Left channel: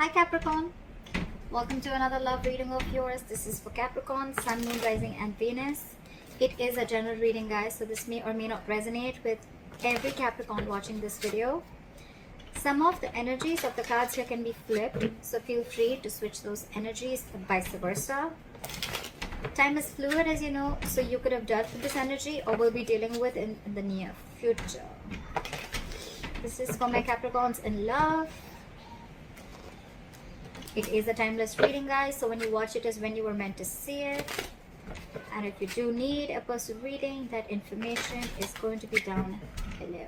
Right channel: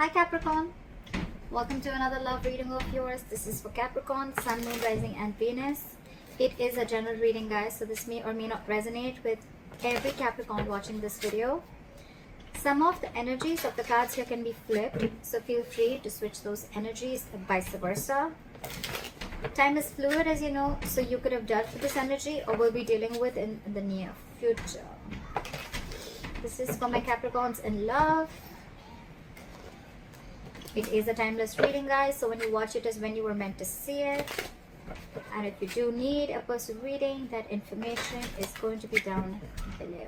Hi Capricorn, welcome to another love reading of yours. This is for Capricorn, Sun, Moon, Rising and Venus. It is a general reading, guys, so this may or may not resonate with every Capricorn watching this video. Some of the energies of the cards here can be flipped, so feel free to switch those energies and vice versa. Time is fluid, as you know, so you could have dealt with this energy or will be dealing with in the near future. This is for my Capricorns in love. It is a timeless reading, guys, so when you watch it is when you were meant to see it. And if you do need a person reading, that information is going to be down below.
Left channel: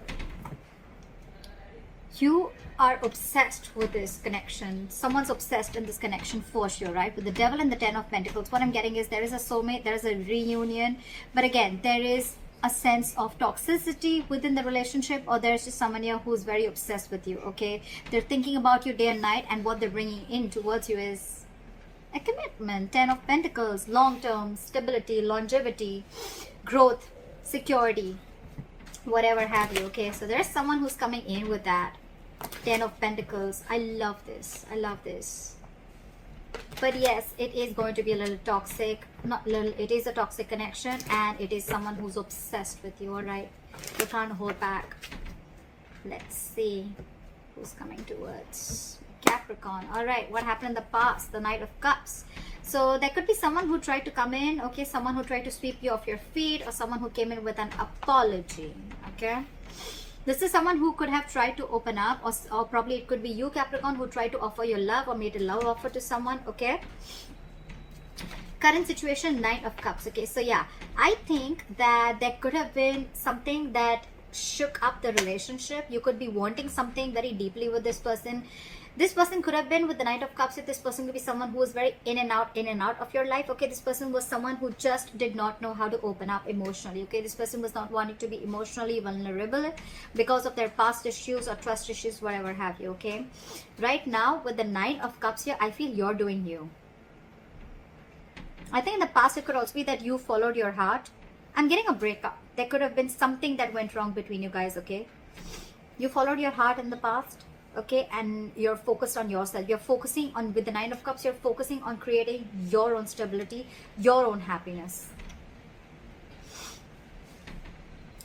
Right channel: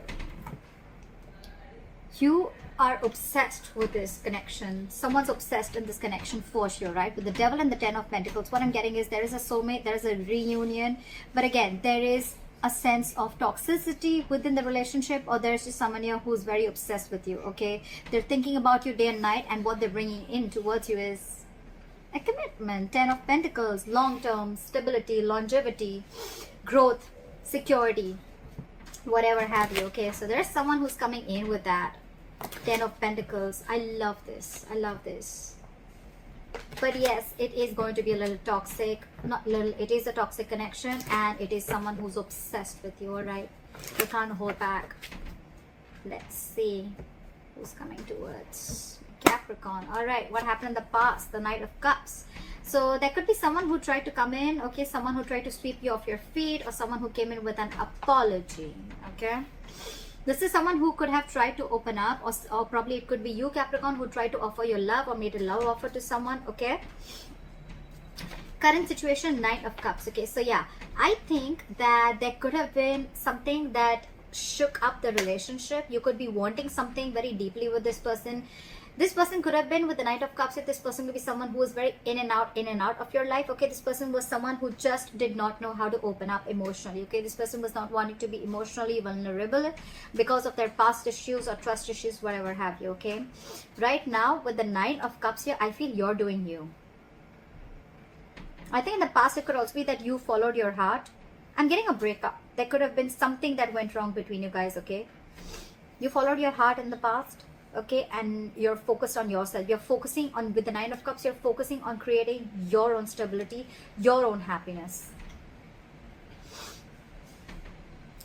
You are obsessed with this connection. Someone's obsessed in this connection for sure, right? With the Devil and the Ten of Pentacles, what I'm getting is there is a soulmate, there is a reunion, but again, there is a sense of toxicity within the relationship, or there's just someone here who's very obsessed with you, okay? They're thinking about you day and night, and what they're bringing in towards you is a commitment. Ten of Pentacles, long-term stability, longevity, growth, security, whatever have you, okay? So there's someone who's coming in with that Ten of Pentacles. I love this. I love this. But yes, it is going to be a little toxic. Not little, it is a toxic connection, and it is someone who's obsessed with you, alright? You can't hold back. Let's see who's coming towards Capricorn. Alright, what happened in the past? The Knight of Cups. So there could be someone who tried to come in, okay? Someone who tried to sweep you off your feet, or someone who came in with an apology, okay? This is someone who could have tried to open up, or probably it could be you, Capricorn, who tried to offer your love or made a love offer to someone, okay? Current situation, Knight of Cups, okay? So yeah, I think that there could have been something that shook up the relationship. You could be wanting something very deeply with this person. This person could have been with the Knight of Cups. If this person could be someone who was very in and out of your life, okay? This person was someone who just did not know how to open up emotionally, okay? This person was not wanting to be emotionally vulnerable because of their past issues or trust issues, whatever have you, okay? Right now, with the Nine of Cups here, I feel you're doing you. I think in the past, it could also be that you followed your heart. I'm getting a breakup. There could have been something that went wrong between you guys, okay? You followed your heart in the past, okay, and you're focused on yourself. You're focusing on, with the Nine of Cups, you're focusing on creating your own stability, your own happiness.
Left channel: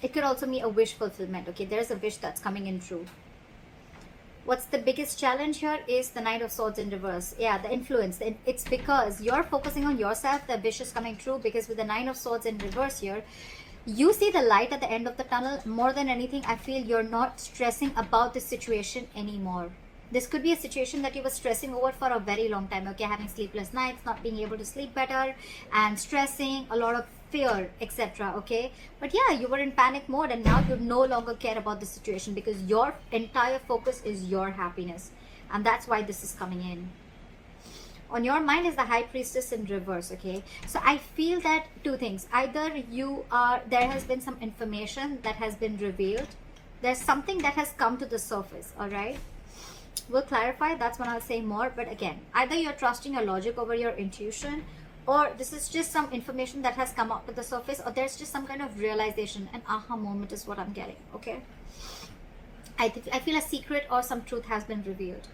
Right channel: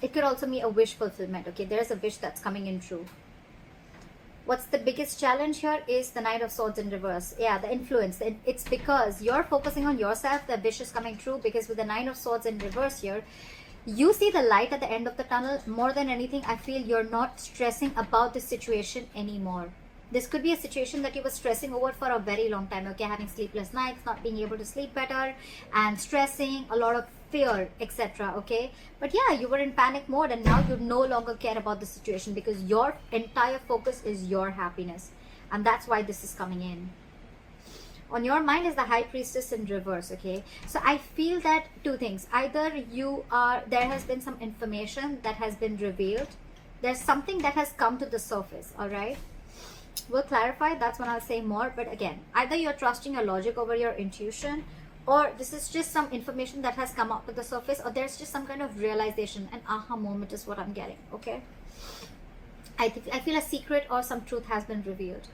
It could also be a wish fulfillment, okay? There's a wish that's coming in true. What's the biggest challenge here is the Knight of Swords in reverse. Yeah, the influence. It's because you're focusing on yourself, the wish is coming true, because with the Nine of Swords in reverse here, you see the light at the end of the tunnel. More than anything, I feel you're not stressing about the situation anymore. This could be a situation that you were stressing over for a very long time, okay? Having sleepless nights, not being able to sleep better, and stressing, a lot of fear, etc., okay? But yeah, you were in panic mode, and now you no longer care about the situation because your entire focus is your happiness. And that's why this is coming in. On your mind is the High Priestess in reverse, okay? So I feel that two things. Either there has been some information that has been revealed. There's something that has come to the surface, all right? We'll clarify. That's when I'll say more. But again, either you're trusting your logic over your intuition, or this is just some information that has come up to the surface, or there's just some kind of realization. An aha moment is what I'm getting, okay? I feel a secret or some truth has been revealed.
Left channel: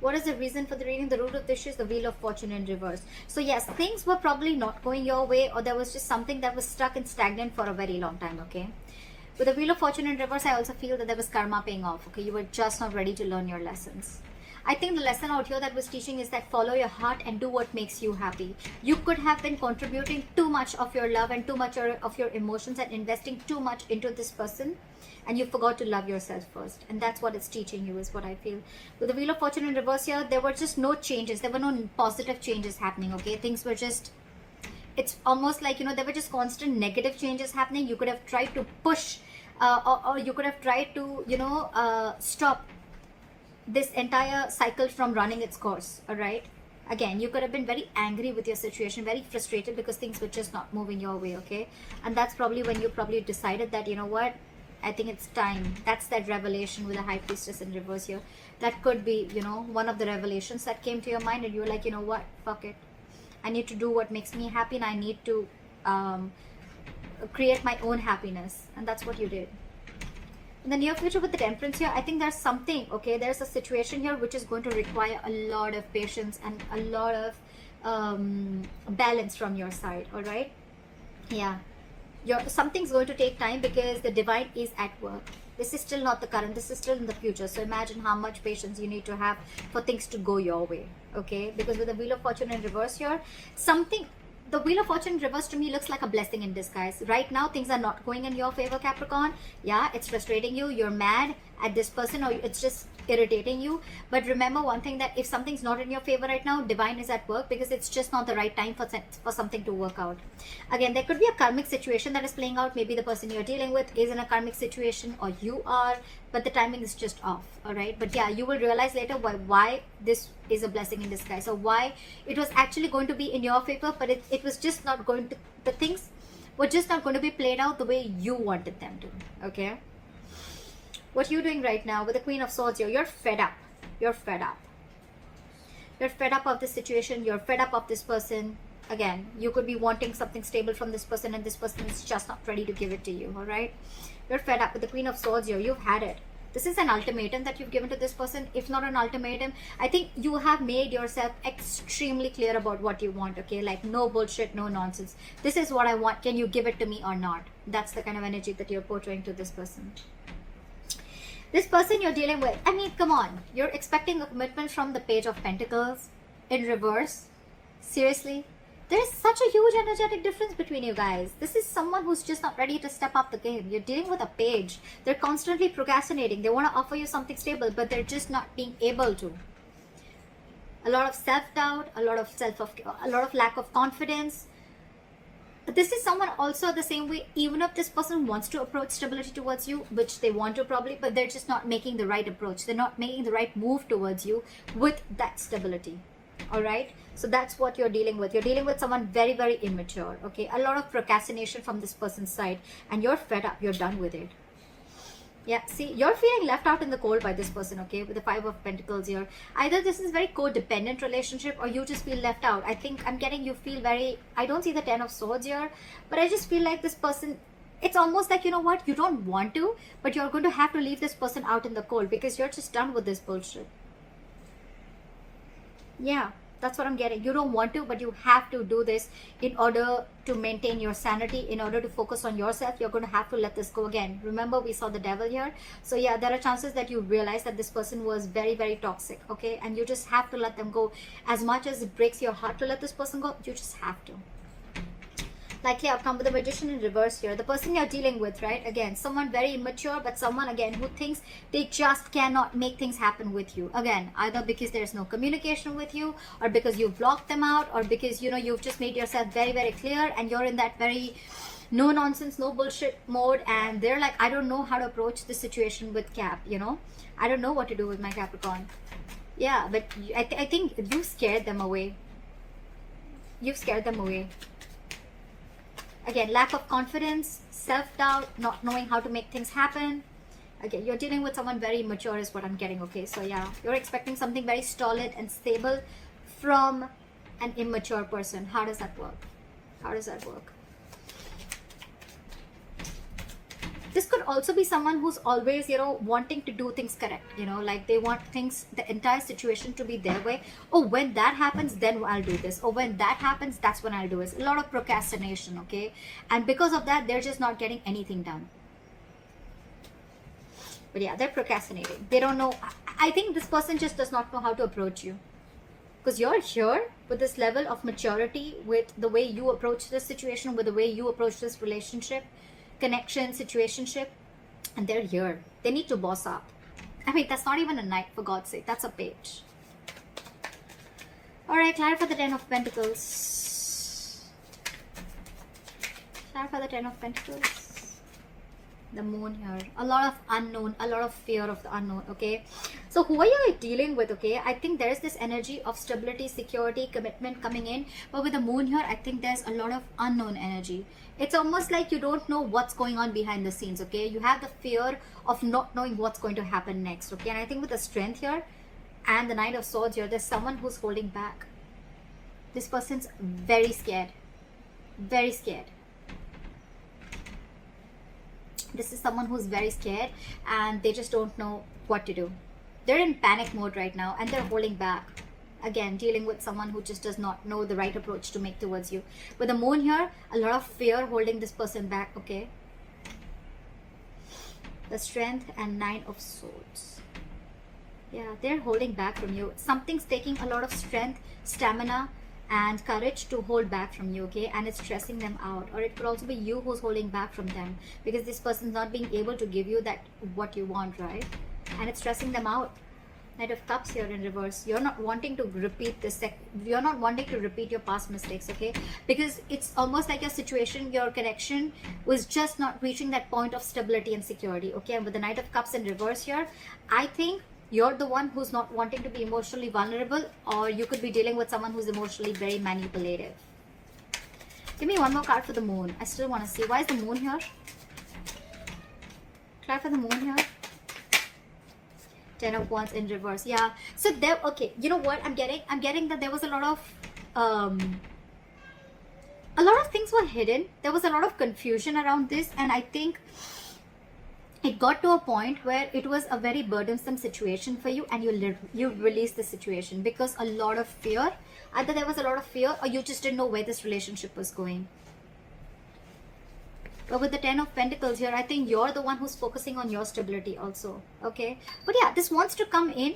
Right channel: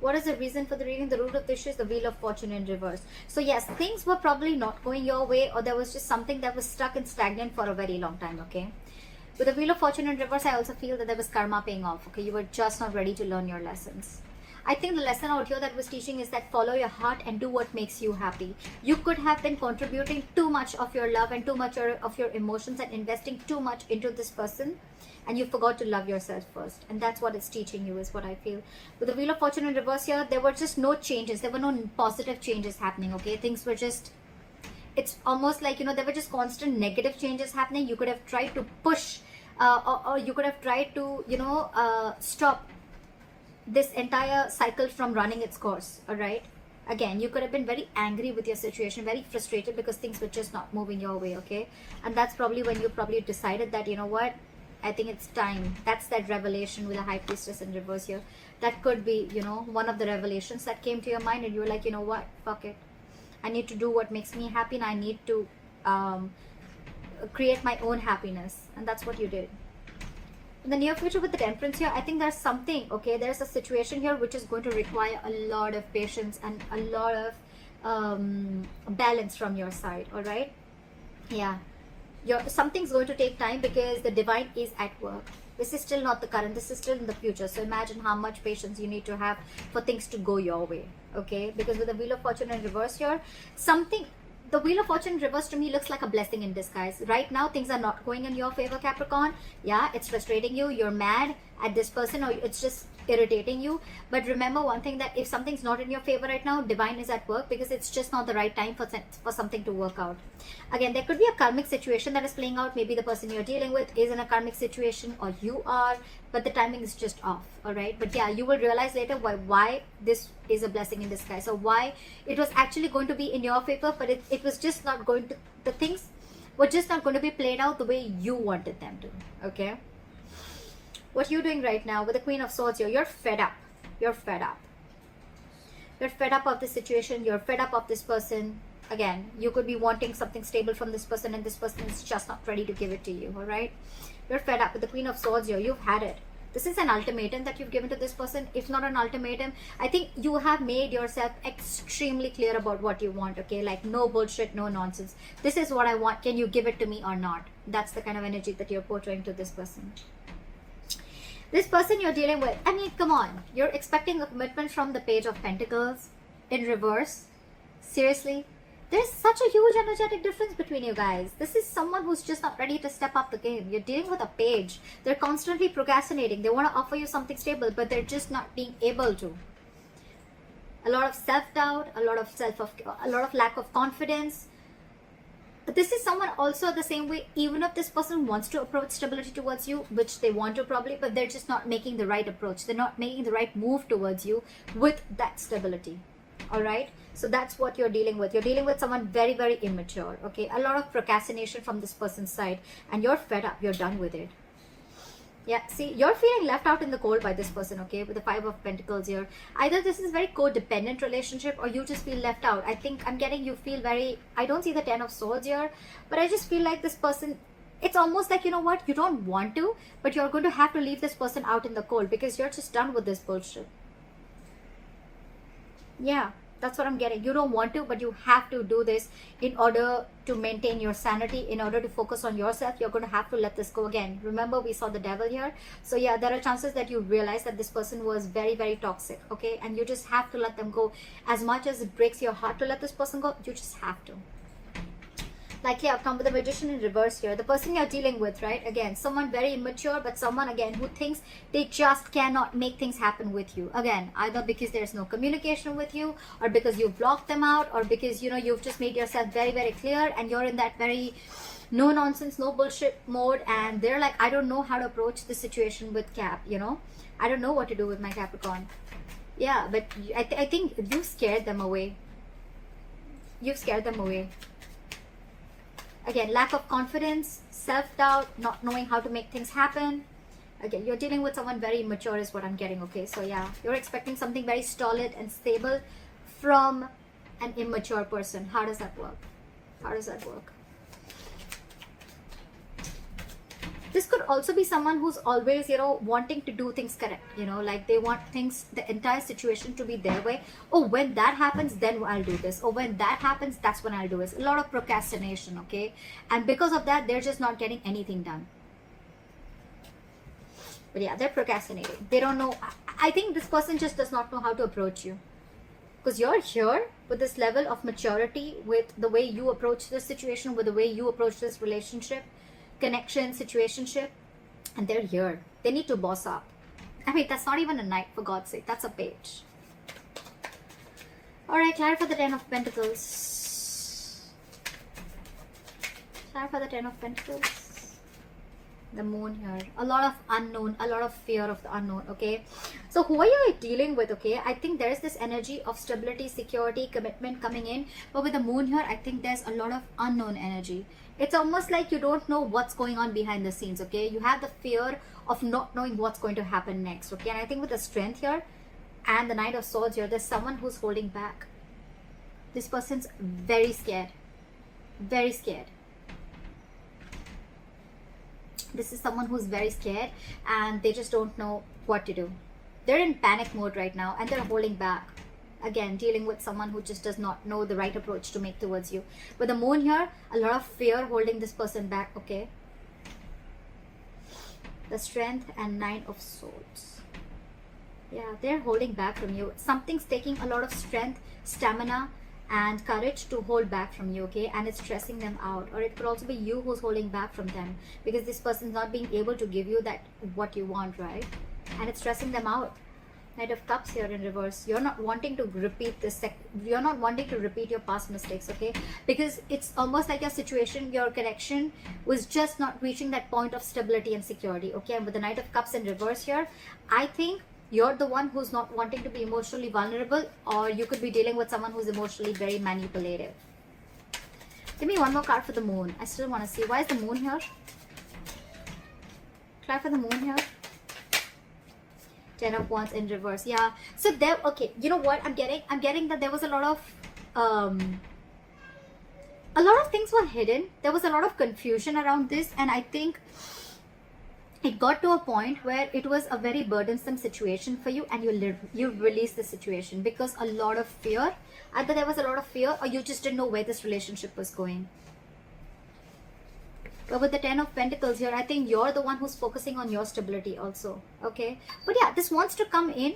What is the reason for the reading? The root of the issue is the Wheel of Fortune in reverse. So yes, things were probably not going your way, or there was just something that was stuck and stagnant for a very long time, okay? With the Wheel of Fortune in reverse, I also feel that there was karma paying off, okay? You were just not ready to learn your lessons. I think the lesson out here that was teaching is that follow your heart and do what makes you happy. You could have been contributing too much of your love and too much of your emotions and investing too much into this person, and you forgot to love yourself first. And that's what it's teaching you, is what I feel. With the Wheel of Fortune in reverse here, there were just no changes. There were no positive changes happening, okay? Things were just, it's almost like, you know, there were just constant negative changes happening. You could have tried to push, or you could have tried to, you know, stop this entire cycle from running its course, all right? Again, you could have been very angry with your situation, very frustrated because things were just not moving your way, okay? And that's probably when you probably decided that, you know what, I think it's time. That's that revelation with the High Priestess in reverse here. That could be, you know, one of the revelations that came to your mind, and you were like, you know what, fuck it. I need to do what makes me happy, and I need to create my own happiness. And that's what you did. In the near future with the Temperance here, I think there's something, okay, there's a situation here which is going to require a lot of patience and a lot of balance from your side. All right, yeah, something's going to take time because the divine is at work. This is still not the current, this is still in the future. So imagine how much patience you need to have for things to go your way. Okay, because with the Wheel of Fortune in reverse here, the Wheel of Fortune in reverse to me looks like a blessing in disguise. Right now things are not going in your favor, Capricorn. Yeah, it's frustrating you, you're mad at this person, or it's just irritating you. But remember one thing, that if something's not in your favor right now, divine is at work, because it's just not the right time for something to work out. Again, there could be a karmic situation that is playing out. Maybe the person you're dealing with is in a karmic situation, or you are, but the timing is just off. All right, but yeah, you will realize later why this is a blessing in disguise, or why it was actually going to be in your favor, but it was just not going to, the things were just not going to be played out the way you wanted them to. Okay, what you're doing right now with the Queen of Swords here, you're fed up. You're fed up. You're fed up of this situation. You're fed up of this person. Again, you could be wanting something stable from this person, and this person is just not ready to give it to you. All right, you're fed up with the Queen of Swords here. You've had it. This is an ultimatum that you've given to this person. If not an ultimatum, I think you have made yourself extremely clear about what you want. Okay, like no bullshit, no nonsense. This is what I want. Can you give it to me or not? That's the kind of energy that you're portraying to this person. This person you're dealing with, I mean, come on. You're expecting a commitment from the Page of Pentacles in reverse. Seriously? There's such a huge energetic difference between you guys. This is someone who's just not ready to step up the game. You're dealing with a page. They're constantly procrastinating. They want to offer you something stable, but they're just not being able to. A lot of self-doubt, a lot of lack of confidence. But this is someone also the same way, even if this person wants to approach stability towards you, which they want to probably, but they're just not making the right approach. They're not making the right move towards you with that stability. All right, so that's what you're dealing with. You're dealing with someone very, very immature. Okay, a lot of procrastination from this person's side, and you're fed up. You're done with it. Yeah, see, you're feeling left out in the cold by this person, okay, with the Five of Pentacles here. Either this is very codependent relationship, or you just feel left out. I think I'm getting you feel very, I don't see the Ten of Swords here, but I just feel like this person, it's almost like, you know what, you don't want to, but you're going to have to leave this person out in the cold because you're just done with this bullshit. Yeah, that's what I'm getting. You don't want to, but you have to do this in order to maintain your sanity, in order to focus on yourself. You're going to have to let this go. Again, remember we saw the Devil here. So yeah, there are chances that you realize that this person was very, very toxic. Okay, and you just have to let them go. As much as it breaks your heart to let this person go, you just have to. Like, yeah, come with the Magician in reverse here. The person you're dealing with, right? Again, someone very immature, but someone, again, who thinks they just cannot make things happen with you. Again, either because there's no communication with you, or because you've blocked them out, or because, you know, you've just made yourself very, very clear, and you're in that very no nonsense, no bullshit mode, and they're like, I don't know how to approach this situation with Cap, you know? I don't know what to do with my Capricorn. Yeah, but I think you scared them away. You've scared them away. Again, lack of confidence, self-doubt, not knowing how to make things happen. Again, you're dealing with someone very mature is what I'm getting, okay? So yeah, you're expecting something very solid and stable from an immature person. How does that work? How does that work? This could also be someone who's always, you know, wanting to do things correct, you know, like they want things, the entire situation to be their way. Oh, when that happens, then I'll do this. Oh, when that happens, that's when I'll do this. A lot of procrastination, okay? And because of that, they're just not getting anything done. But yeah, they're procrastinating. They don't know. I think this person just does not know how to approach you. Because you're here with this level of maturity, with the way you approach this situation, with the way you approach this relationship, connection, situationship, and they're here. They need to boss up. I mean, that's not even a knight, for God's sake. That's a page. Alright, clarify the Ten of Pentacles. Clarify the Ten of Pentacles. The Moon here. A lot of unknown, a lot of fear of the unknown, okay? So who are you dealing with, okay? I think there's this energy of stability, security, commitment coming in. But with the Moon here, I think there's a lot of unknown energy. It's almost like you don't know what's going on behind the scenes, okay? You have the fear of not knowing what's going to happen next, okay? And I think with the Strength here and the Knight of Swords here, there's someone who's holding back. This person's very scared. Very scared. This is someone who's very scared and they just don't know what to do. They're in panic mode right now and they're holding back. Again, dealing with someone who just does not know the right approach to make towards you. With the moon here, a lot of fear holding this person back, okay? The strength and 9 of swords. Yeah, they're holding back from you. Something's taking a lot of strength, stamina, and courage to hold back from you, okay? And it's stressing them out. Or it could also be you who's holding back from them, because this person's not being able to give you that what you want, right? And it's stressing them out. Knight of Cups here in reverse. You're not wanting to repeat this. You're not wanting to repeat your past mistakes, okay? Because it's almost like your situation, your connection was just not reaching that point of stability and security, okay? With the Knight of Cups in reverse here, I think you're the one who's not wanting to be emotionally vulnerable, or you could be dealing with someone who's emotionally very manipulative. Give me one more card for the moon. I still want to see. Why is the moon here? Try for the moon here. 10 of Wands in reverse. Yeah. So there, okay. You know what I'm getting? I'm getting that there was a lot of things were hidden. There was a lot of confusion around this, and I think it got to a point where it was a very burdensome situation for you, and you released the situation because a lot of fear. Either there was a lot of fear, or you just didn't know where this relationship was going. But with the 10 of Pentacles here, I think you're the one who's focusing on your stability also, okay? But yeah, this wants to come in.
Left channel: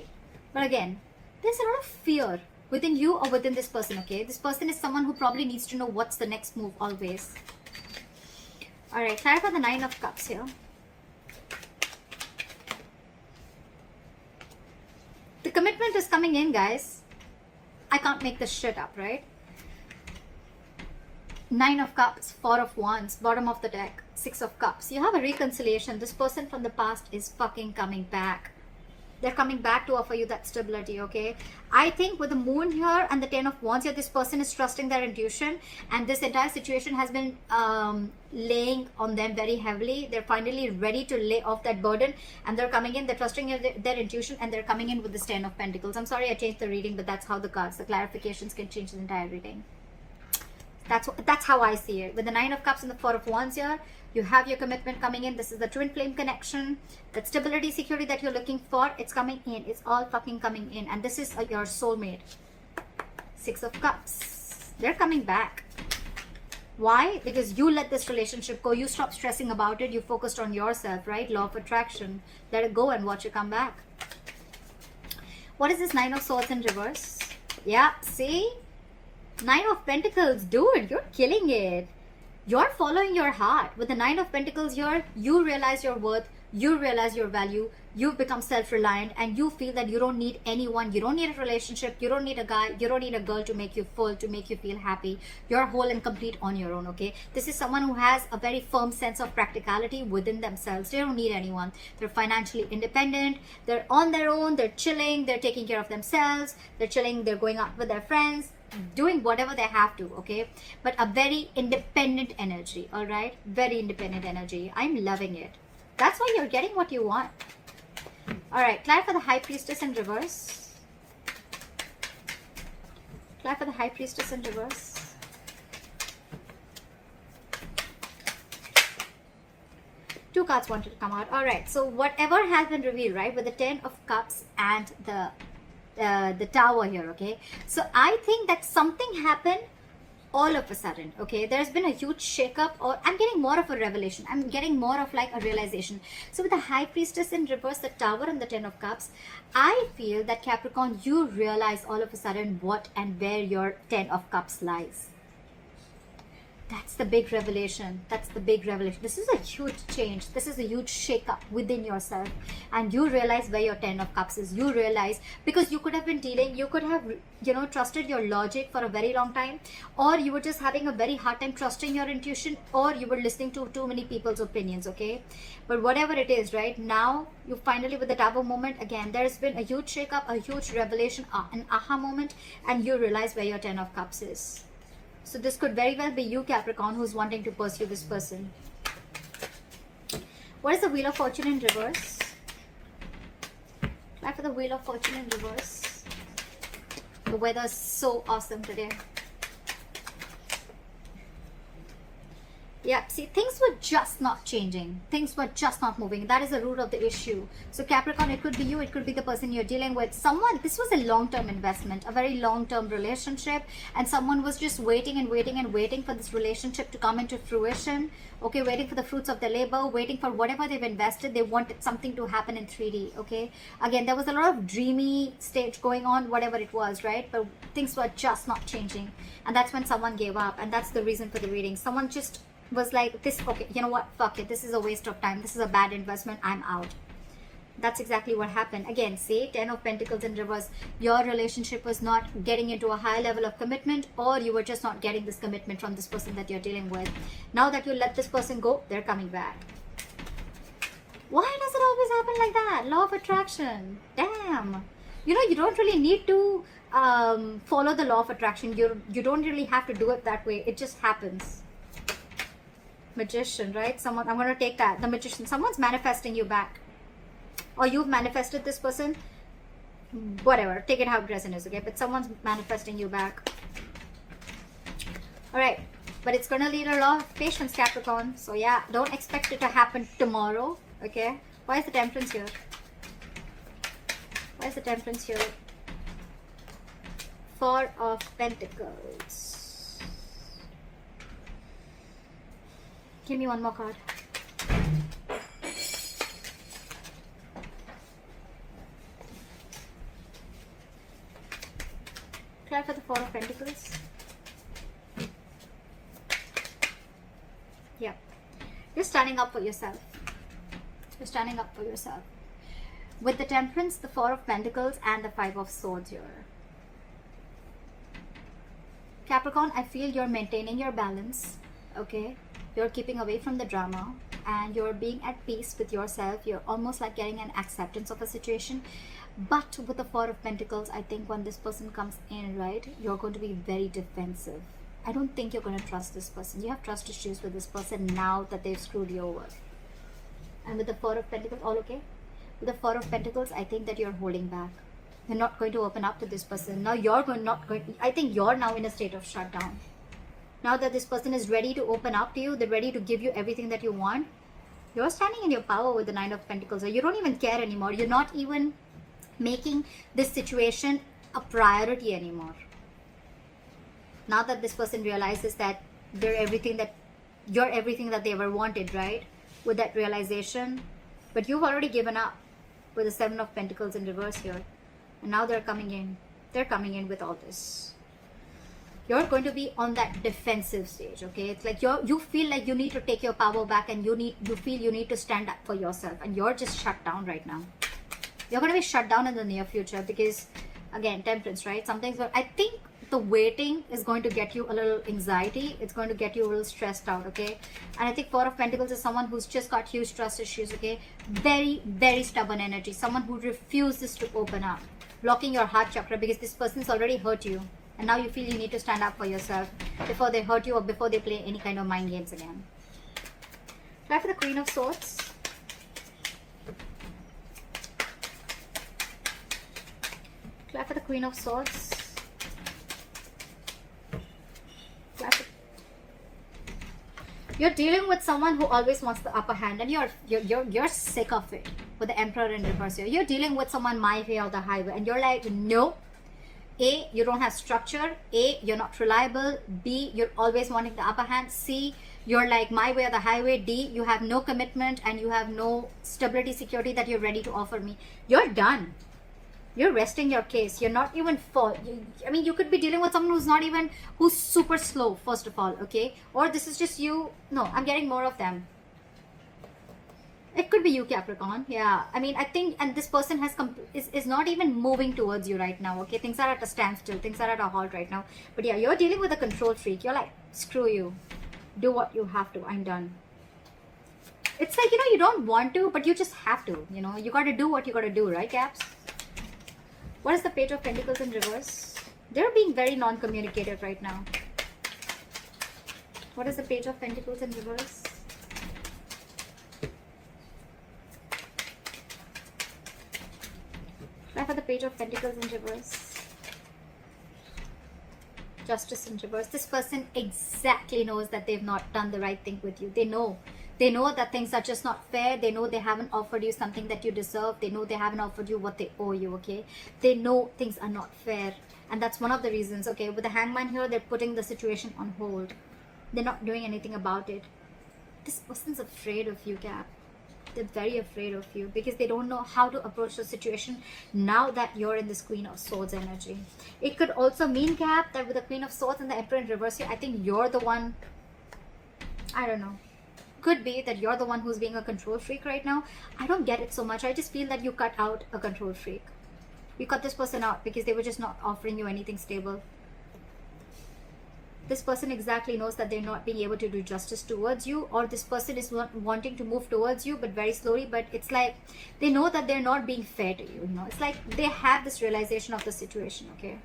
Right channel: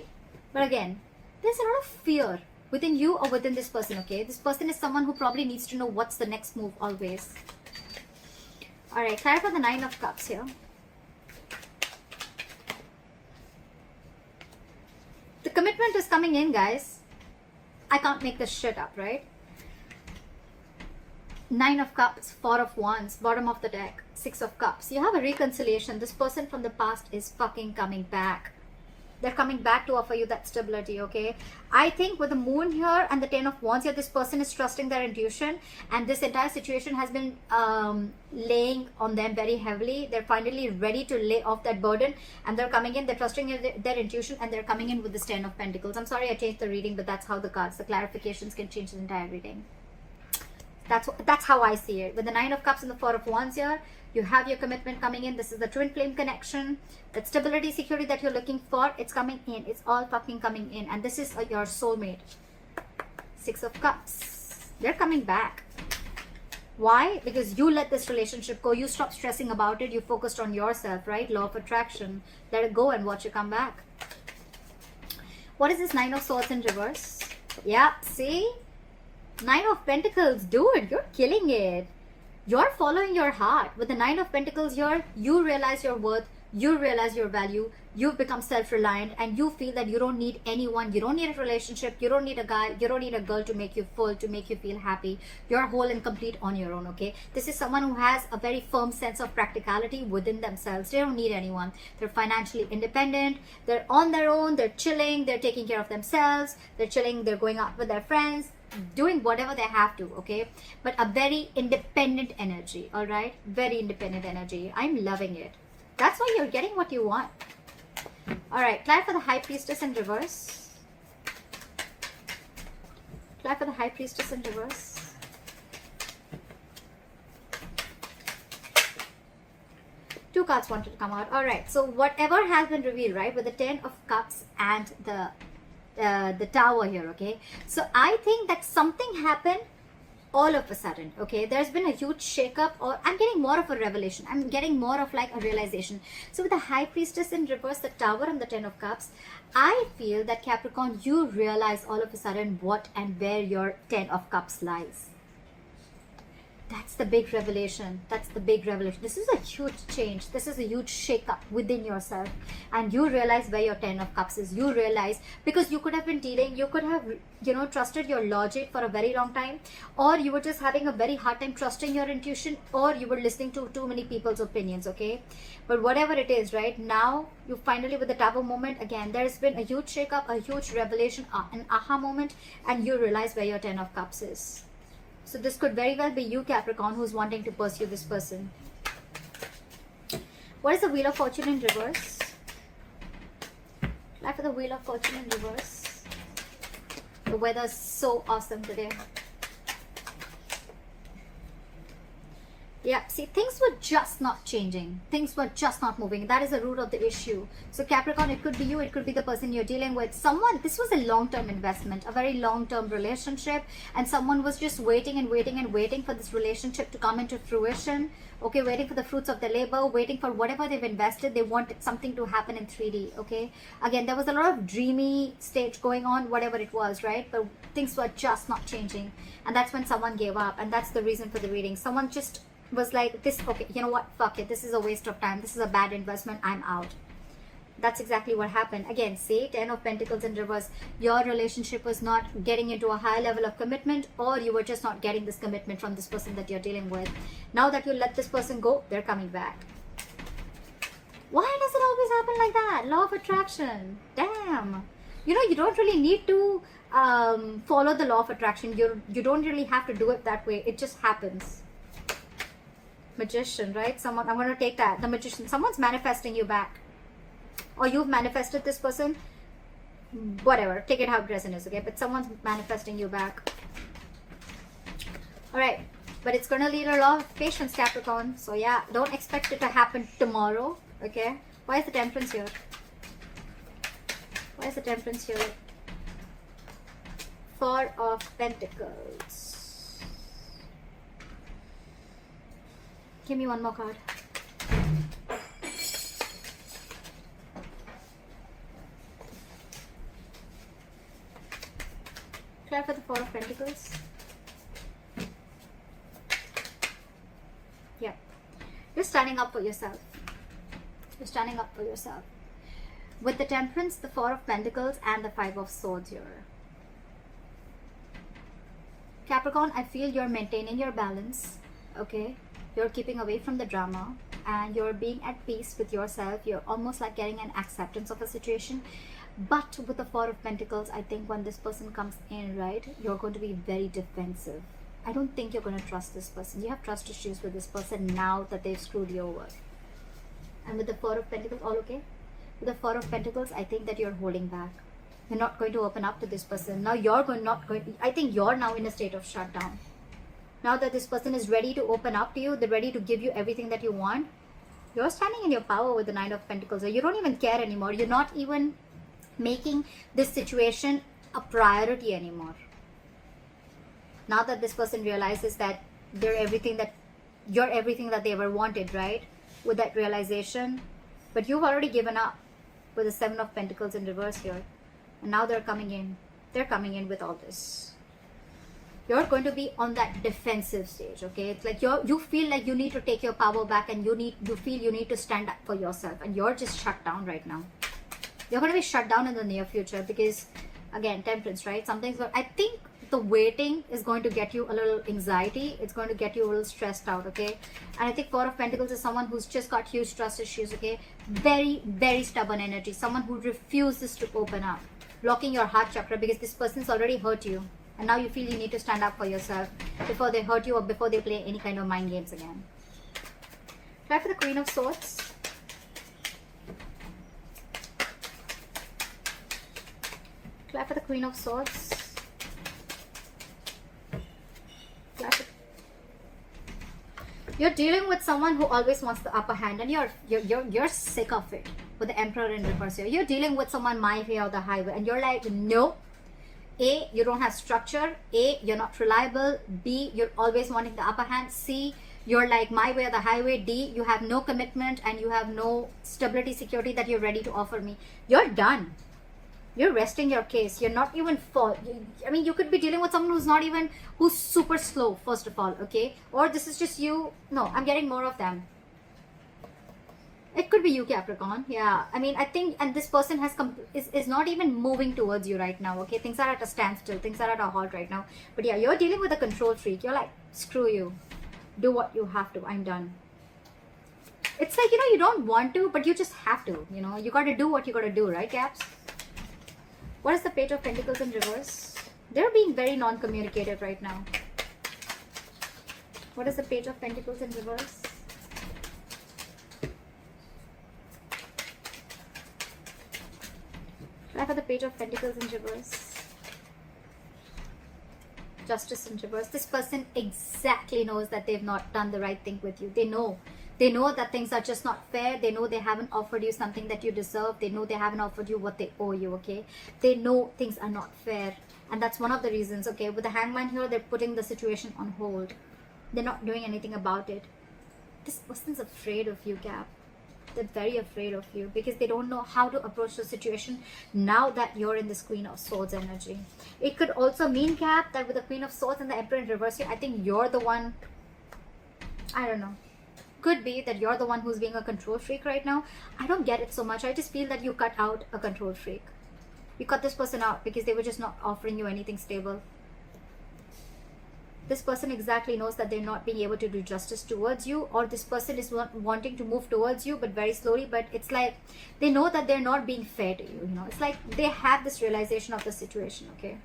But again, there's a lot of fear within you or within this person, okay? This person is someone who probably needs to know what's the next move always. Alright, clarify the 9 of Cups here. The commitment is coming in, guys. I can't make this shit up, right? 9 of Cups, 4 of Wands, bottom of the deck, 6 of Cups. You have a reconciliation. This person from the past is fucking coming back. They're coming back to offer you that stability, okay? I think with the moon here and the 10 of Wands here, this person is trusting their intuition, and this entire situation has been laying on them very heavily. They're finally ready to lay off that burden, and they're coming in, they're trusting their intuition, and they're coming in with this 10 of Pentacles. I'm sorry I changed the reading, but that's how the cards, the clarifications can change the entire reading. That's how I see it. With the 9 of Cups and the 4 of Wands here, you have your commitment coming in. This is the twin flame connection. That stability, security that you're looking for, it's coming in. It's all fucking coming in. And this is your soulmate. 6 of Cups. They're coming back. Why? Because you let this relationship go. You stop stressing about it. You focused on yourself, right? Law of attraction. Let it go and watch it come back. What is this 9 of Swords in reverse? Yeah, see? 9 of Pentacles, dude, you're killing it. You're following your heart. With the 9 of Pentacles here, you realize your worth, you realize your value, you've become self-reliant, and you feel that you don't need anyone, you don't need a relationship, you don't need a guy, you don't need a girl to make you full, to make you feel happy. You're whole and complete on your own, okay? This is someone who has a very firm sense of practicality within themselves. They don't need anyone. They're financially independent, they're on their own, they're chilling, they're taking care of themselves, they're chilling, they're going out with their friends, doing whatever they have to, okay? But a very independent energy, all right? Very independent energy. I'm loving it. That's why you're getting what you want. All right, try for the High Priestess in reverse. Try for the High Priestess in reverse. Two cards wanted to come out. All right, so whatever has been revealed, right, with the 10 of Cups and the Tower here, okay? So I think that something happened all of a sudden, okay? There's been a huge shakeup, or I'm getting more of a revelation. I'm getting more of like a realization. So with the High Priestess in reverse, the Tower and the 10 of Cups, I feel that Capricorn, you realize all of a sudden what and where your 10 of Cups lies. That's the big revelation. That's the big revelation. This is a huge change. This is a huge shake-up within yourself. And you realize where your 10 of Cups is. You realize, because you could have been dealing, you could have, you know, trusted your logic for a very long time. Or you were just having a very hard time trusting your intuition. Or you were listening to too many people's opinions, okay? But whatever it is, right? Now, you finally, with the Tower moment, again, there's been a huge shake-up, a huge revelation, an aha moment. And you realize where your 10 of Cups is. So this could very well be you, Capricorn, who's wanting to pursue this person. What is the Wheel of Fortune in reverse? Try for the Wheel of Fortune in reverse. The weather is so awesome today. Yeah, see, things were just not changing. Things were just not moving. That is the root of the issue. So Capricorn, it could be you, it could be the person you're dealing with. Someone, this was a long-term investment, a very long-term relationship, and someone was just waiting and waiting and waiting for this relationship to come into fruition. Okay, waiting for the fruits of their labor, waiting for whatever they've invested. They wanted something to happen in 3D. Okay, again, there was a lot of dreamy stage going on, whatever it was, right? But things were just not changing, and that's when someone gave up, and that's the reason for the reading. Someone just was like, this, okay, you know what, fuck it, this is a waste of time, this is a bad investment, I'm out. That's exactly what happened. Again, say 10 of Pentacles in reverse. Your relationship was not getting into a high level of commitment, or you were just not getting this commitment from this person that you're dealing with. Now that you let this person go, they're coming back. Why does it always happen like that? Law of attraction. Damn. You know, you don't really need to follow the law of attraction. You don't really have to do it that way. It just happens. Magician, right? Someone, I'm going to take that. The Magician. Someone's manifesting you back. Or you've manifested this person. Whatever. Take it how present is, okay? But someone's manifesting you back. Alright. But it's going to lead a lot of patience, Capricorn. So yeah, don't expect it to happen tomorrow, okay? Why is the Temperance here? Why is the Temperance here? Four of Pentacles. Give me one more card. Try for the Four of Pentacles. Yeah. You're standing up for yourself. You're standing up for yourself. With the Temperance, the Four of Pentacles, and the Five of Swords here. Capricorn, I feel you're maintaining your balance, okay? You're keeping away from the drama, and you're being at peace with yourself. You're almost like getting an acceptance of a situation. But with the Four of Pentacles, I think when this person comes in, right, you're going to be very defensive. I don't think you're going to trust this person. You have trust issues with this person now that they've screwed you over. And with the Four of Pentacles, all okay? With the Four of Pentacles, I think that you're holding back. You're not going to open up to this person. Now I think you're now in a state of shutdown. Now that this person is ready to open up to you, they're ready to give you everything that you want. You're standing in your power with the Nine of Pentacles. You don't even care anymore. You're not even making this situation a priority anymore. Now that this person realizes that you're everything that they ever wanted, right? With that realization. But you've already given up with the Seven of Pentacles in reverse here. And now they're coming in. They're coming in with all this. You're going to be on that defensive stage, okay? It's like you feel like you need to take your power back, and you feel you need to stand up for yourself, and you're just shut down right now. You're going to be shut down in the near future because, again, Temperance, right? Something's going, I think the waiting is going to get you a little anxiety. It's going to get you a little stressed out, okay? And I think Four of Pentacles is someone who's just got huge trust issues, okay? Very, very stubborn energy. Someone who refuses to open up, blocking your heart chakra because this person's already hurt you. And now you feel you need to stand up for yourself before they hurt you or before they play any kind of mind games again. Try for the Queen of Swords. Try for the Queen of Swords. You're dealing with someone who always wants the upper hand, and you're sick of it. With the Emperor in reverse here, you're dealing with someone my way or the highway, and you're like, no. A, you don't have structure. A, you're not reliable. B, you're always wanting the upper hand. C, you're like my way or the highway. D, you have no commitment and you have no stability, security that you're ready to offer me. You're done. You're resting your case. You're not even I mean, you could be dealing with someone who's super slow, first of all, okay? Or this is just you. No, I'm getting more of them. It could be you, Capricorn. Yeah, I mean, I think, and this person is not even moving towards you right now, okay? Things are at a standstill. Things are at a halt right now. But yeah, you're dealing with a control freak. You're like, screw you. Do what you have to. I'm done. It's like, you don't want to, but you just have to. You got to do what you got to do, right, Caps? What is the Page of Pentacles in reverse? They're being very non-communicative right now. What is the Page of Pentacles in reverse? Try for the Page of Pentacles in reverse. Justice in reverse. This person exactly knows that they've not done the right thing with you. They know. They know that things are just not fair. They know they haven't offered you something that you deserve. They know they haven't offered you what they owe you, okay? They know things are not fair. And that's one of the reasons, okay? With the hangman here, they're putting the situation on hold. They're not doing anything about it. This person's afraid of you, Cap. They're very afraid of you because they don't know how to approach the situation now that you're in this Queen of Swords energy. It could also mean, Cap, that with the Queen of Swords and the Emperor in reverse here, I think you're the one, I don't know. Could be that you're the one who's being a control freak right now. I don't get it so much. I just feel that you cut out a control freak. You cut this person out because they were just not offering you anything stable. This person exactly knows that they're not being able to do justice towards you, or this person is wanting to move towards you but very slowly, but it's like they know that they're not being fair to you, you know. It's like they have this realization of the situation, okay?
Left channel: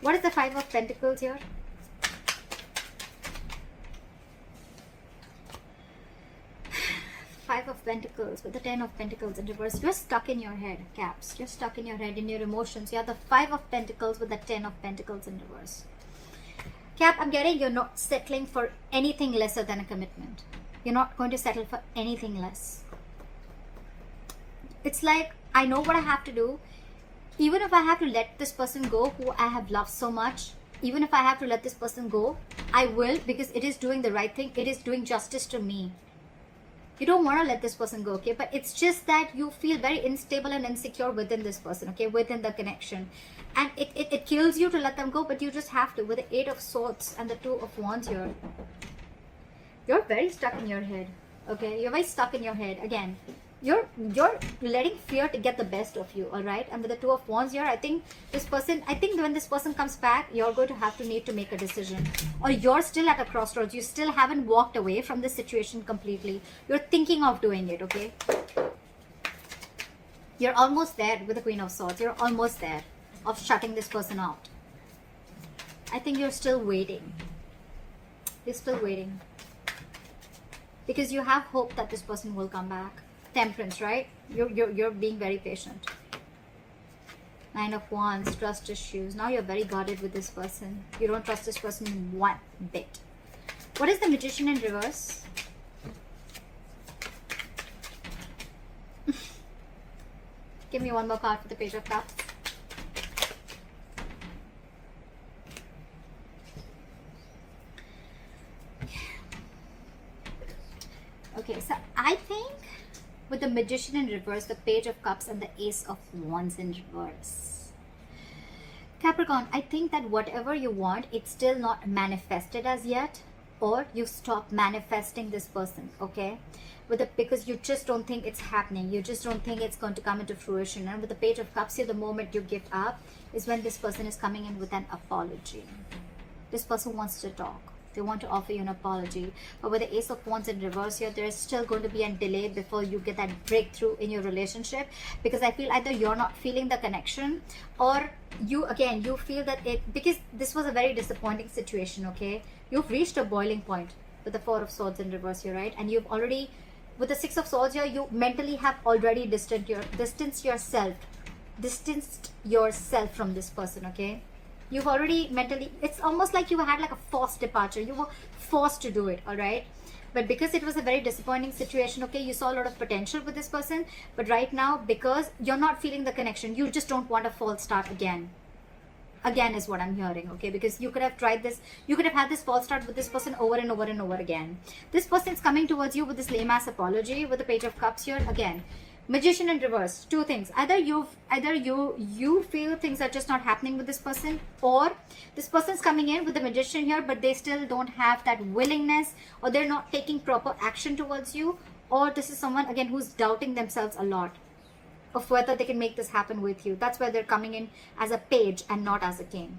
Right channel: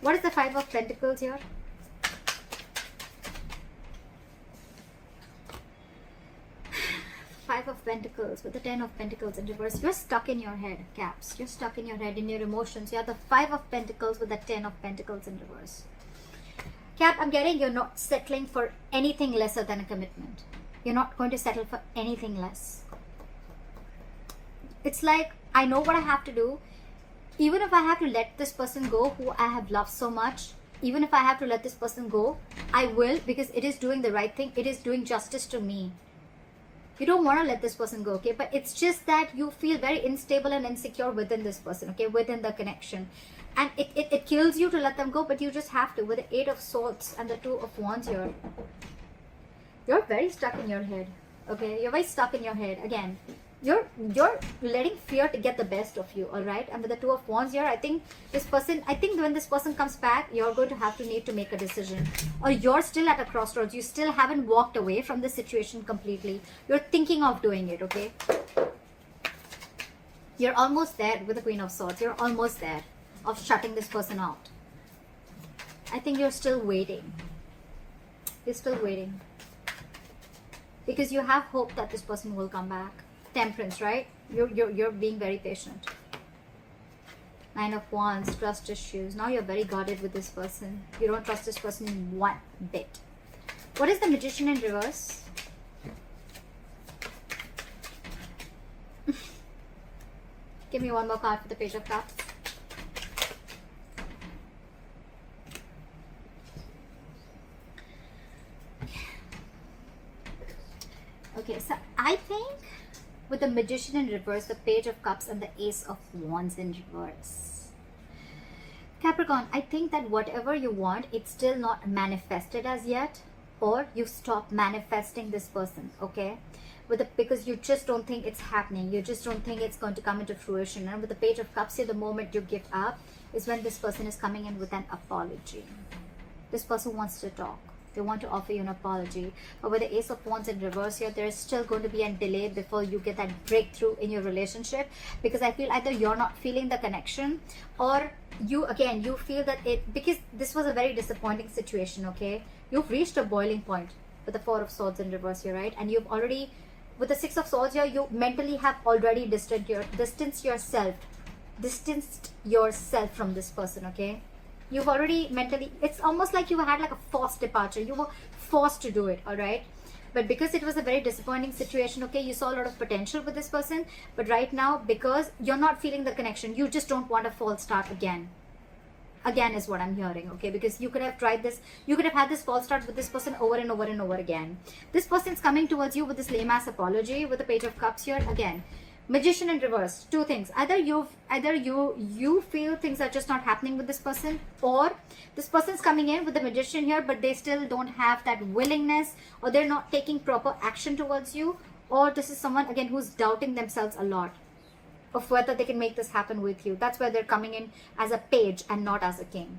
What is the Five of Pentacles here? Five of Pentacles with the Ten of Pentacles in reverse. You're stuck in your head, Caps. You're stuck in your head, in your emotions. You have the Five of Pentacles with the Ten of Pentacles in reverse. Cap, I'm getting you're not settling for anything lesser than a commitment. You're not going to settle for anything less. It's like, I know what I have to do. Even if I have to let this person go who I have loved so much, even if I have to let this person go, I will, because it is doing the right thing. It is doing justice to me. You don't want to let this person go, okay? But it's just that you feel very unstable and insecure within this person, okay? Within the connection. And it kills you to let them go, but you just have to. With the Eight of Swords and the Two of Wands here. You're very stuck in your head, okay? You're very stuck in your head. Again, you're letting fear to get the best of you, all right? And with the Two of Wands here, I think when this person comes back, you're going to need to make a decision. Or you're still at a crossroads. You still haven't walked away from the situation completely. You're thinking of doing it, okay? You're almost there with the Queen of Swords. You're almost there of shutting this person out. I think you're still waiting. You're still waiting. Because you have hope that this person will come back. Temperance, right? You're being very patient. Nine of Wands, trust issues. Now you're very guarded with this person. You don't trust this person in one bit. What is the Magician in reverse? Give me one more card for the Page of Cups. Okay, so I think with the Magician in reverse, the Page of Cups and the Ace of Wands in reverse. Capricorn, I think that whatever you want, it's still not manifested as yet, or you stop manifesting this person, okay? Because you just don't think it's happening. You just don't think it's going to come into fruition. And with the Page of Cups here, the moment you give up is when this person is coming in with an apology. This person wants to talk. They want to offer you an apology. But with the Ace of Wands in reverse here, there is still going to be a delay before you get that breakthrough in your relationship. Because I feel either you're not feeling the connection, or you feel that because this was a very disappointing situation, okay? You've reached a boiling point with the Four of Swords in reverse here, right? And you've already, with the Six of Swords here, you mentally have already distanced yourself from this person, okay? You've already mentally, it's almost like you had like a forced departure. You were forced to do it, all right? But because it was a very disappointing situation, okay, you saw a lot of potential with this person. But right now, because you're not feeling the connection, you just don't want a false start again. Again is what I'm hearing, okay? Because you could have tried this, you could have had this false start with this person over and over and over again. This person's coming towards you with this lame-ass apology with the Page of Cups here again. Magician in reverse, two things. Either you feel things are just not happening with this person, or this person's coming in with the Magician here, but they still don't have that willingness, or they're not taking proper action towards you, or this is someone again who's doubting themselves a lot of whether they can make this happen with you. That's why they're coming in as a page and not as a king.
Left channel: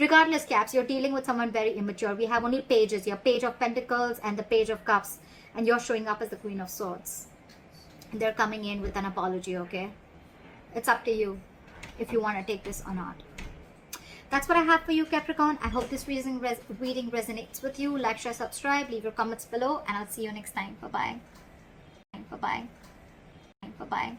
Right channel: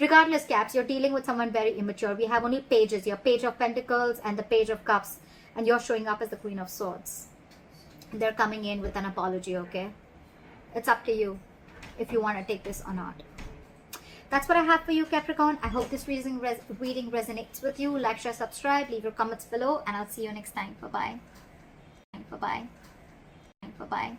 Regardless, Caps, you're dealing with someone very immature. We have only pages, your Page of Pentacles and the Page of Cups, and you're showing up as the Queen of Swords. They're coming in with an apology, okay? It's up to you if you want to take this or not. That's what I have for you, Capricorn. I hope this reading resonates with you. Like, share, subscribe, leave your comments below, and I'll see you next time. Bye-bye. Bye-bye. Bye-bye.